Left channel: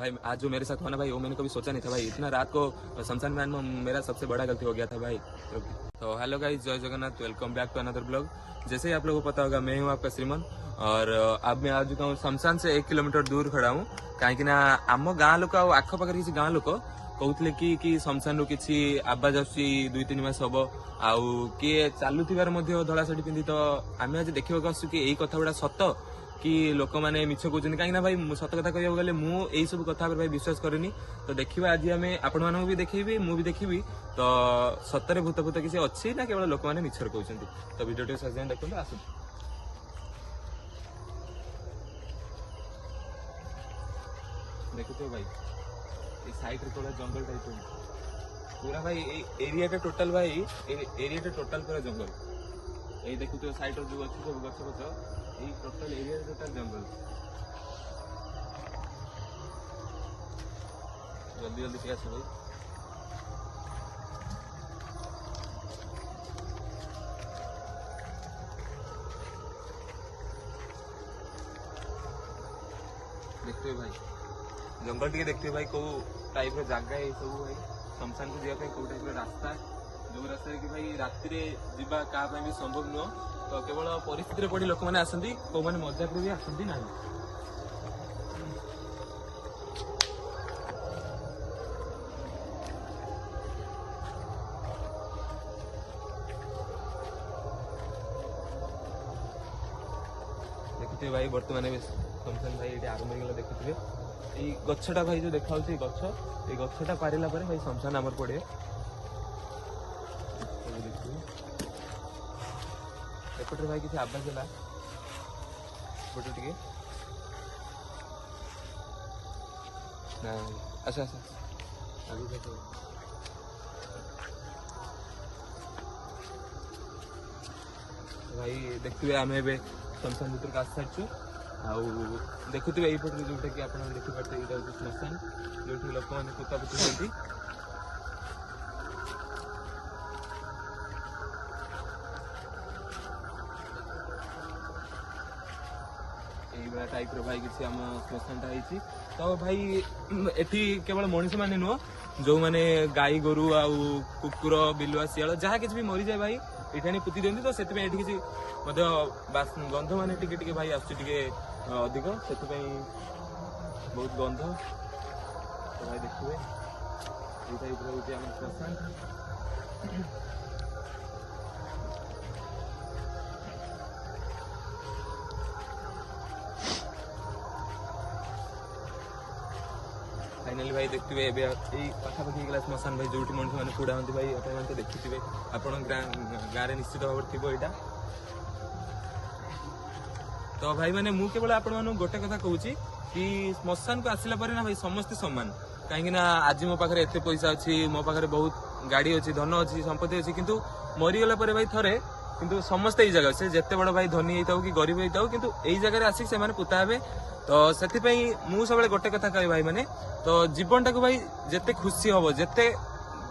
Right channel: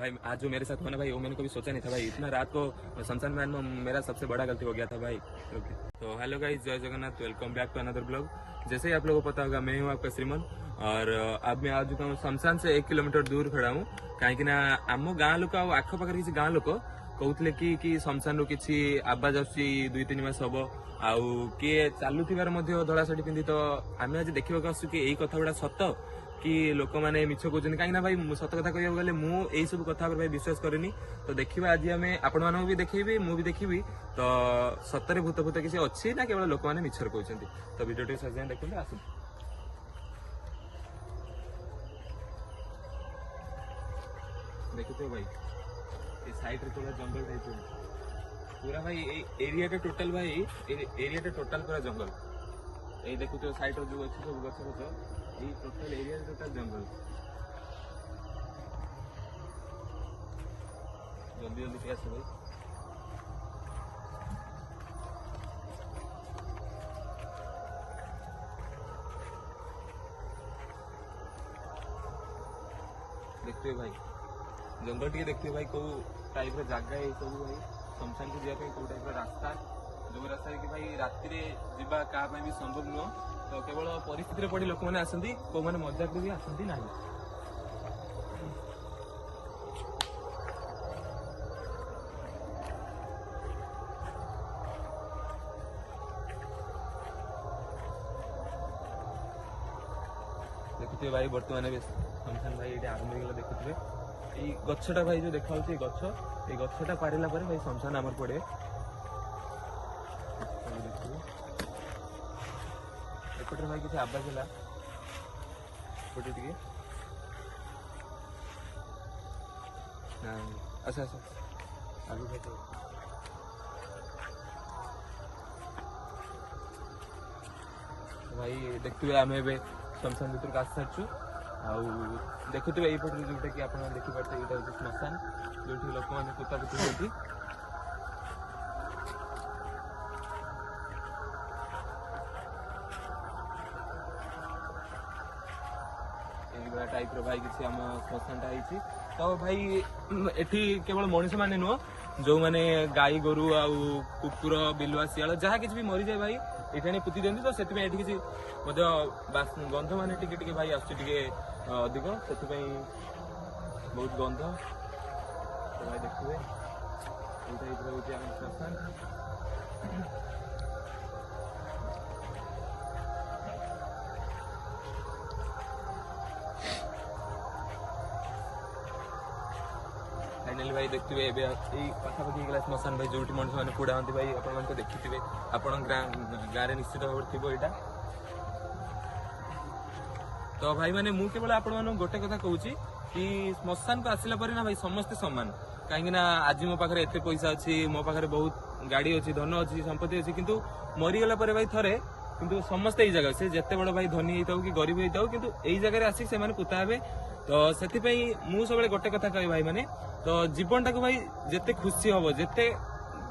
भाई आज जो मेरे साथ होना भाई वो मैंने कभी सोचा नहीं था भाई, इतना रात को शमशान मैन में मेरा सबसे बड़ा गलती हो गया था भाई। तो हेलो गाइस, जय Jagannath, welcome back to another blog. जैसे ही आप लोगों को पता होगा मैं हूँ आपका श्रीमन, और अब मैं आ चुका हूँ शमशान से 1 किलोमीटर दूर खड़ा हूँ। कहीं आम गाँ लोक आखपाखे किसी गाँ लोक कहते कि शमशान रू किसी आवाज आसूची 2-3 मास हम आउ किए चलुथिबार धड़ा शाढ़ी पिंधि। तो आम आज देखा आसू कि यही कथा गुड़ा सत कि लोक मैंने मिछ कहते कहीं भाई सत कथा कहूँ गले मुझे सब कथा भाई विश्वास करेनि। तो देखा आज आम आपण मानक भी देखी मुझे देखी तो सतरे भूत भूत किसी अच्छी ना केवल लोक मैंने मिछर कहते। तो भिडियो सजाए देखते आस देखते भाई ये साइड रे थोड़ा जंगल टाइप पूरा भाई एरिया टोटल भाई एरिया टोटल पूरा जंगल। ये देखो साइड रो जो अच्छी सब गछ पत्र ये टोटल एरिया टोटल जंगल। जल्दी जल्दी क्या भाई देखते भाई जंगल टी देखते भाई कौ टाइप जगह ये सब भाई शमशान को जावाई कौ टाइप रास्ता जो रास्ता कि भाई राति जावा क्या भी संभव नुह। तो केवल परिस्थिति पड़ी लोक मैंने आसती कौ मैंने मजाक भी आसती ना। देखुए भाई बर्तमान शमशान भाई ये आरंभ होगा देखुए ये गछटा भाई जो देखा गछ ये गछटा पारिला भाई शमशान आमर पड़े। एपटे भाई किसी आवाज है अच्छा अच्छा आगे तो भाई देखिए आम ए शमशान भर आसी सारी देखुए यहीपटे जोटा कि आप देखिपारे यहाँ हूँ श्मशान जो लोक मैंने पोतापोती होती। यही टाइप रो भाई किसी आम श्मशान टाइम। तो भाई एठी केवल मनीष मैंने नुह जो मैंने गाई गोरु आ कुकुर बिलुआ शियाल जहाँ किसी भी मरी जाए भाई ये पुति दिखती। तो से किसी गंध मान टे भाई आसुचे अधिक से बहुत गंध। तो भाई देखिए ये टाइप रोचे आम श्मशान। फाइनाली भाई देखिए ये पाखापाखि गला श्मशान भाई जो मनुष्य मैंने पोड़ा हमें भाई आप तो देखिए आप गाँव निश्चित भाव थी यहाँ। तो भाई मैंने मु केवल आप गोटे कथा कहूँ कि श्मशान को आसला ना भाई समस्ते सामान कहीं आज मो पाखे एत पैसा अच्छी मो पाखे बहुत गाड़ी अच्छी धन अच्छी संपत्ति अच्छी किंतु मरीगला भाई थरे किंतु समस्ते ये जगह से जिते बड़ भाई धनी होता कि गरीब होता किंतु यही जगह आसिक से पुता हे। तो से मु सब गोटे कथा कह भाई मैंने तो जीवन टाक भाई जिते खुशी हम जिते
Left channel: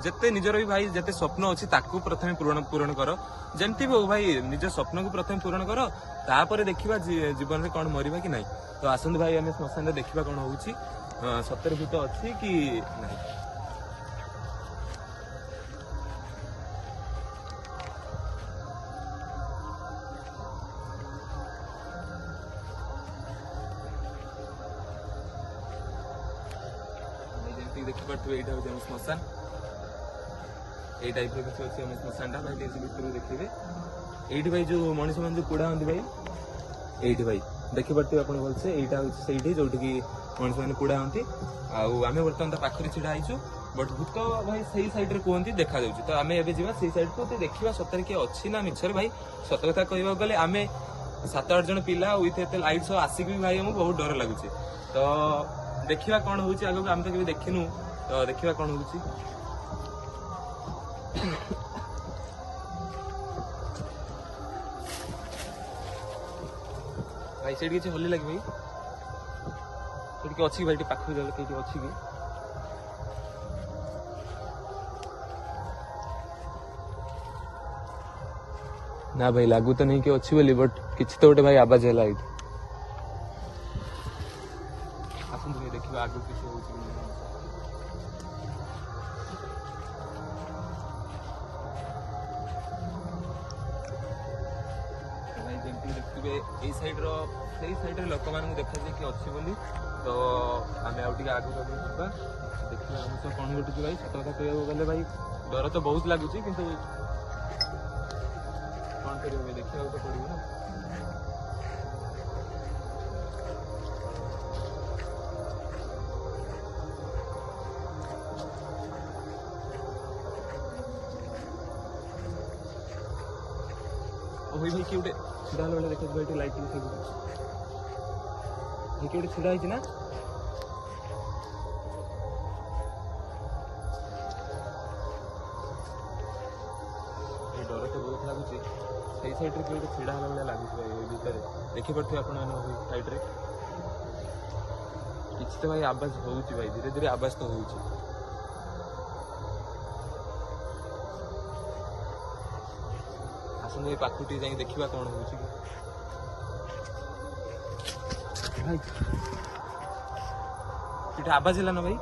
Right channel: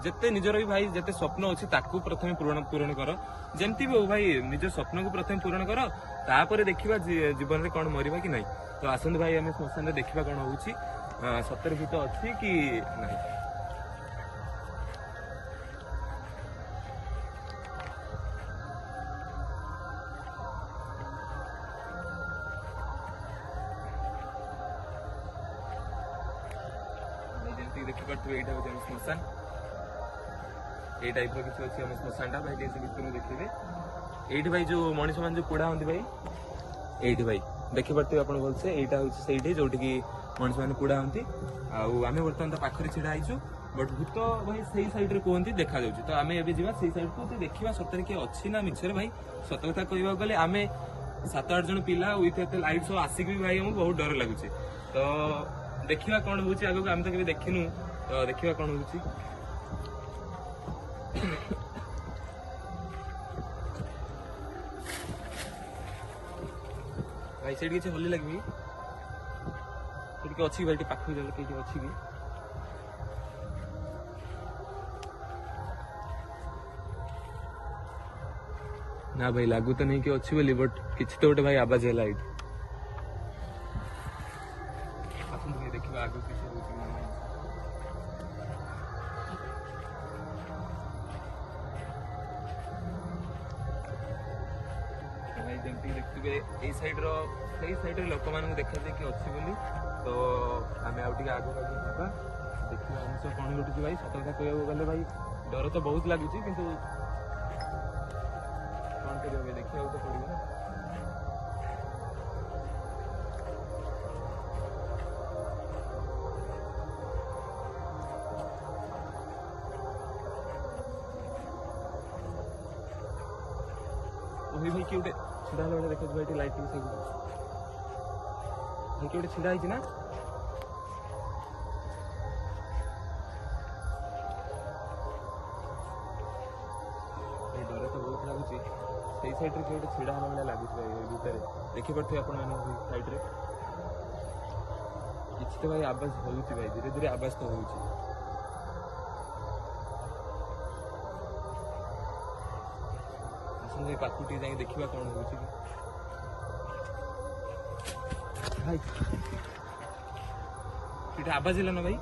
जिते निजर भी भाई जिते स्वप्न अच्छी ताकू प्रथम पूरण कर जमती भी हो भाई निज स्वप्न को प्रथम पूरण कर तापर देखा जीवन में कौन मरवा कि नहीं। तो आसत भाई आम श्मशान देखा कौन हो सतर भूत अच्छी कि नहीं। देखिए यहाँ हूँ श्मशान ये टाइप किसी अच्छी आम श्मशान भाई भर देखिए ये भाई जो मनीष मान जो पोड़ा हमें भाई ये भाई देखिपे आप भलसे यहाँ हूँ से जो मनीष मैंने पोड़ा हमें आम बर्तमान पाखे छिड़ा होइछु बट भूत भाई सही साइड रे कहते देखा जाऊँ। तो आम एवं जा से साइड को देखा सतरे किए अच्छी ना मिछर भाई सत कथा कहवाक गले आम 7-8 जन पिला विथ एत लाइट सब आसिक भी भाई आमको बहुत डर लगुच। तो देखा कौन हो आगे आम तो कभी देखिनु तो देखा कौन हो भाई से किसी होली लगे भाई अच्छी भाई पाखु कि अच्छी भी ना भाई लागू तो नहीं कि अच्छी बोली बट किसी तो गोटे भाई आवाज है देखिए आगे किसी भाई जमी देखिए ये सैड्र से सैड्रे लोक मैंने देखा कि अच्छी बोली तो आम आगे आगे जा देखिए हम तो कौन घटुची भाई सत कथा कहू गले भाई डर तो बहुत लगुच कि कौन कर देखा तो पड़ो ना भाई भाई किए छिड़ा बेले देख भाई लाइट किए छिड़ा ना डर तो बहुत लगुच से सैड्रे किए छिड़ा बेले लगुच भितर देखिपे आप सैड्रे किसी तो भाई आवाज हो भाई धीरे धीरे आवाज तो हो पाखुटी जाए देखा कौन हो आवाज है ना भाई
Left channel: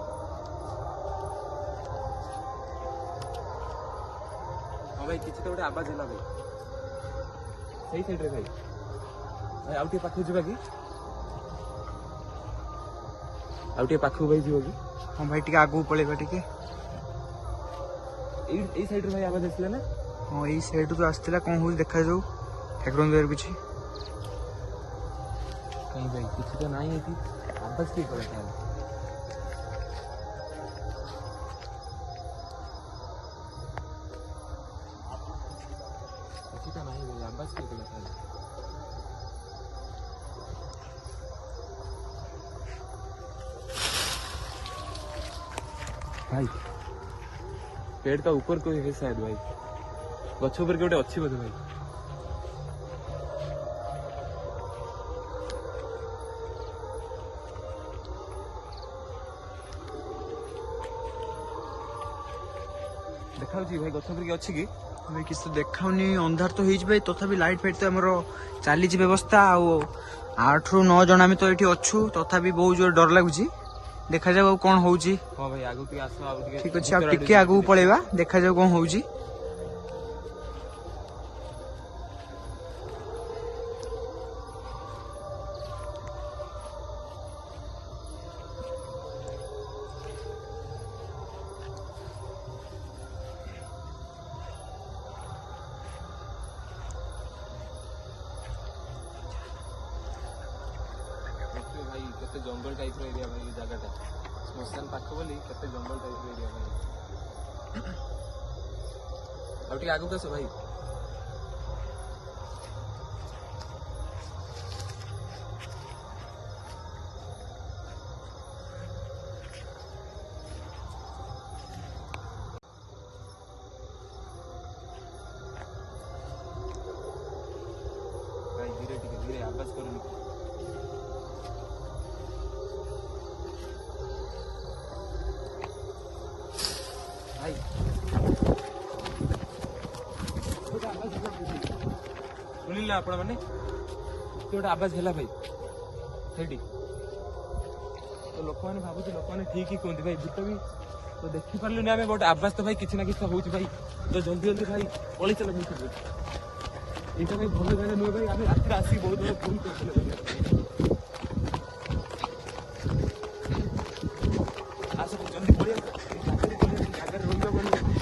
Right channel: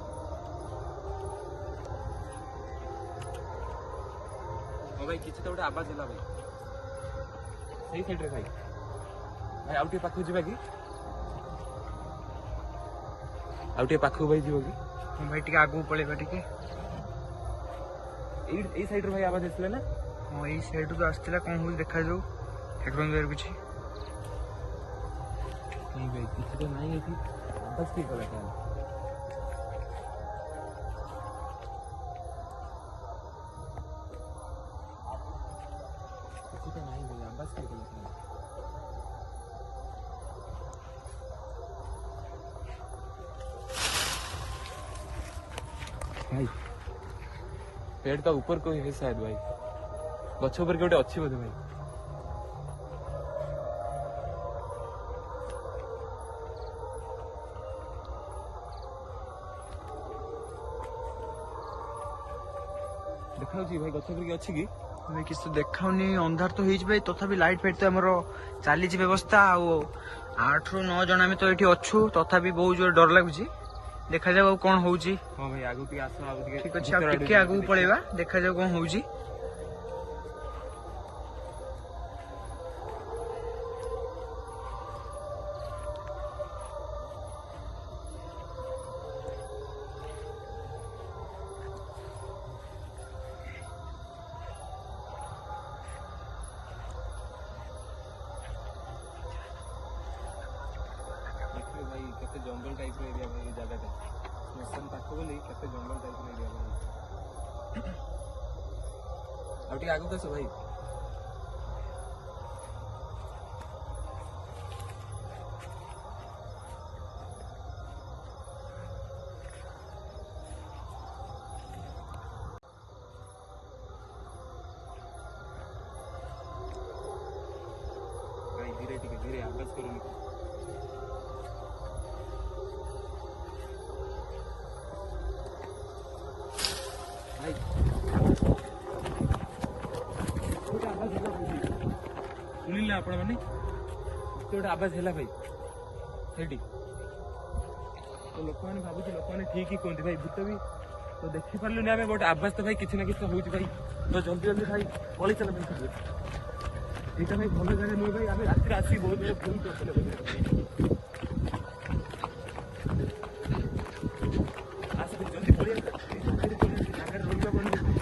हाँ भाई किसी तो आवाज है भाई सही सैड्रे भाई भाई आउटे पाखु जा कि आउटे पाखु भाई जी हाँ भाई टे आगू पड़ेगा टे सैड्रे भाई आवाज आसला ना हाँ ये सैड जो आसला कौन हो देखा जाऊ ठाकुर किसी नहीं भाई किसी तो नहीं थी आवाज किए कला किसी तो नहीं भाई आवाज किए कला भाई पेड़ का ऊपर कोई है शायद भाई गछ ऊपर गोटे अच्छी बोधे भाई देखा भाई गछ ऊपर अच्छी कि भाई किसी तो देखाऊनी अंधार तो हो भाई तथापि लाइट फाइट तो आमर चली व्यवस्था आठ रु 9 जन आम तो ये अच्छु तथापि बहुत जोर डर लगुच देखा जाऊ कौन हो हाँ भाई आगु टी आस ठीक अच्छे टे आगू पलैबा देखा जाऊ कौन हो भाई केते जंगल टाइप एरिया भाई जगह श्मशान पाख बोली केते जंगल टाइप एरिया भाई आगे कस भाई भाई धीरे धीरे आवाज कर सुनिल आपण मैंने गोटे आवाज है भाई सही तो लोक मैंने भावुँ लोक मैंने ठीक ही कहते भाई भूत भी तो देखी पार्लुनि आम गोटे आवाज तो भाई किसी ना किसी हो भाई तो जल्दी जल्दी भाई पलि चल भाई यहाँ भाई भल जगह नुह भाई आम रात आसिक बहुत बड़ा भूल कर जल्दी पलि जगह रही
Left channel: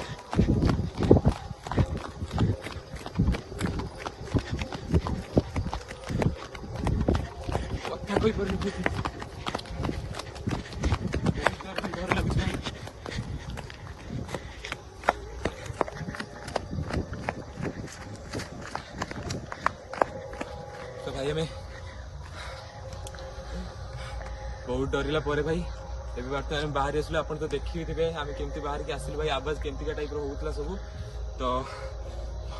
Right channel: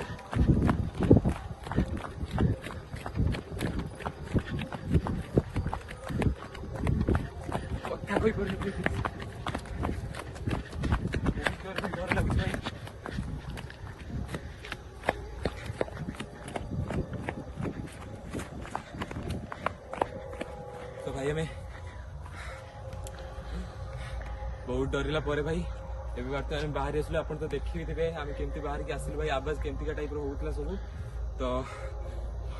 कोई पर डर लगता है तो भाई हमें बहुत डरला पर भाई एवं बर्तमान बाहर आसलु आप तो देखी थे आम केमती बाहर की आसलु भाई आवाज केमती टाइप होता सब तो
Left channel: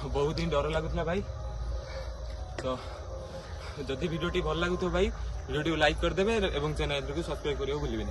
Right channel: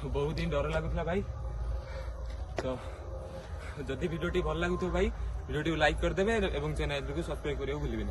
बहुत दिन डर लगुला भाई तो जदि वीडियो भल लगुथ भाई वीडियो लाइक करदे और चैनल को सब्सक्राइब करने भूलिए।